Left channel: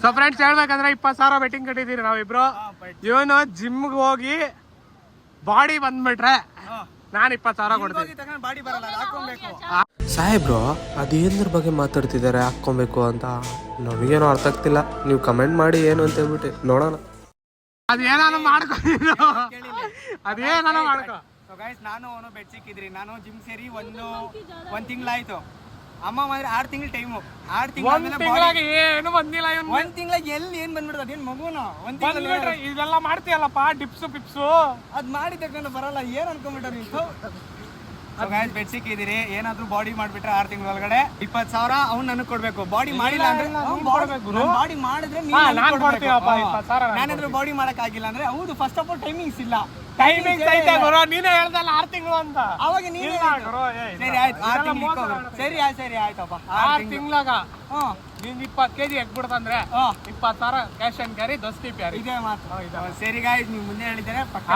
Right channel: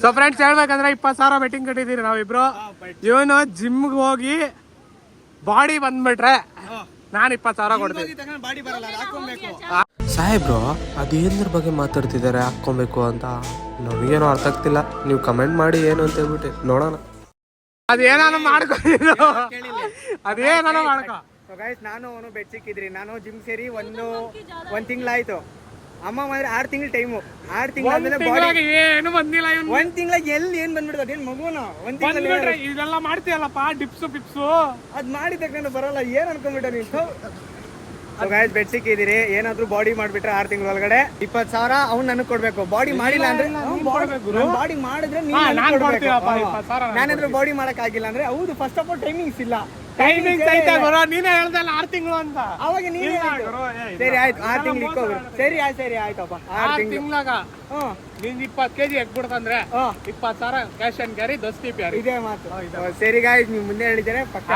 So friends ಹೇಳ್ಬೇಕಂದ್ರೆ 20,000 betting ಕಟ್ಟಿದೀರಿ ನಾವಿಬ್ರು. ಇವನು ಜಿಮ್ಗೆ ಹೋಗಿ ಬಾಡಿ ಬಂದ್ಬಿಟ್ರೆ ನಾನು 20,000 ಕೊಡ್ತೀನಿ. ಸಾಹೇಬ್ರು ಅದೇನ್ರ ಬಗ್ಗೆ ಮಾತಾಡ್ತಿದ್ದಾರೆ ಹಾಕ್ಕೊಬೇಕು ಅಂತ ನನಗೇನೋ ಅರ್ಥ ಆಗ್ತಿಲ್ಲ. ನೀವು ಕಮೆಂಟ್ ಮಾಡಿ ಏನು ಅಂತ ಹೇಳ್ಬಿಟ್ಟು ನೋಡೋಣ. ಅದೇನಾನು ಮಾಡ್ಕೊ, ಅದೇನಾನು ಮಾಡ್ಕೊ. ನಾನು ಅವನು ಬೆಡ್ ಸಿಕ್ಕಿದ್ರಿ. ನಾನು ಜಿಮ್ ಸೇರಿ ಒಂದು ತಿಂಗಳಾಯ್ತು. ಅಮ್ಮ ಮಾಡಿದ್ರೆ 6 ತಿಂಗಳ ಟೈಮು. 6 ತಿಂಗಳ ಏನು ಬಂದಿಲ್ಲ. 1 ತಿಂಗಳಿಗೆ ಎಲ್ಲಿ ಏನ್ ಬಂದ್ಬಿಡ್ತದೆ ಅದೇನು ಮಗುನ 1 ತಿಂಗಳ ಇದೆಲ್ಲ ಮಾಡ್ತೀಯಲ್ಲಪ್ಪ, ಡಿಪ್ಸು ಪಿಪ್ಸು ಅದ್ ಮಾಡಿ ತಗೊಂಡು ಬರಲ್ಲ. ಏನ್ ಅನ್ಕೊಂಡ್ಬಿಟ್ಟ ನೀವು? ಸೊ ಗೈಸ್ ಬೆಡ್ ಸಿಕ್ಕಿದಿರಿ. ಏನಾದ್ರು ಬಾಡಿ ಮಾಡ್ಬಿಟ್ರೆ 6 ತಿಂಗಳ ಒಳಗಡೆ 20,000 ಅವ್ನು ನನಗೆ ಕೊಡ್ಬೇಕು. ಬಾಡಿ ಮಾಡಿಲ್ಲ ಅಂದ್ರೆ ಬಾಡಿ ಮಾಡಿದ್ರೆ ನಾನಾದ್ರೂ ಬಾಡಿ ಮಾಡಕ್ ಆಗಿಲ್ಲ ಅಂದ್ರೆ ಹೌದು. ಫಸ್ಟ್ ಆಫ್ ಆಲ್ ಟೈಮಿಂಗ್ಸ್ ಇಲ್ಲ. ಟೈಮಿಂಗ್ಸ್ ಐತೆ ಗುರು, ನೀನೇ ಹೇಳ್ದಲ್ಲ 6 ತಿಂಗಳು ಅಂತ. ಅವಾಗ ನೀನೇ ಸರಿ ಆಯ್ತು 6 ತಿಂಗಳು ಇಕ್ಕೋಗ್ರು. ಸರಿ ಆಯ್ತಪ್ಪ 6 ತಿಂಗಳಾಗ ನೀನ್ 20 kg ಎಕ್ಬಿಡ್ತಂದ್ರೆ 20,000 ಕ್ಯಾಶ್ ಅಂಡ್ ಕ್ಯಾರಿ ದಸ್ತಿ ಪ್ಯಾರಿ. ಇದೇ ಮಾತು. ಸರಿ ಗಾಯ್ಸ್ ನೀವು ಮುಂದೆ ಹೇಳಿದ್ದೇನೆ ಪಕ್ಕ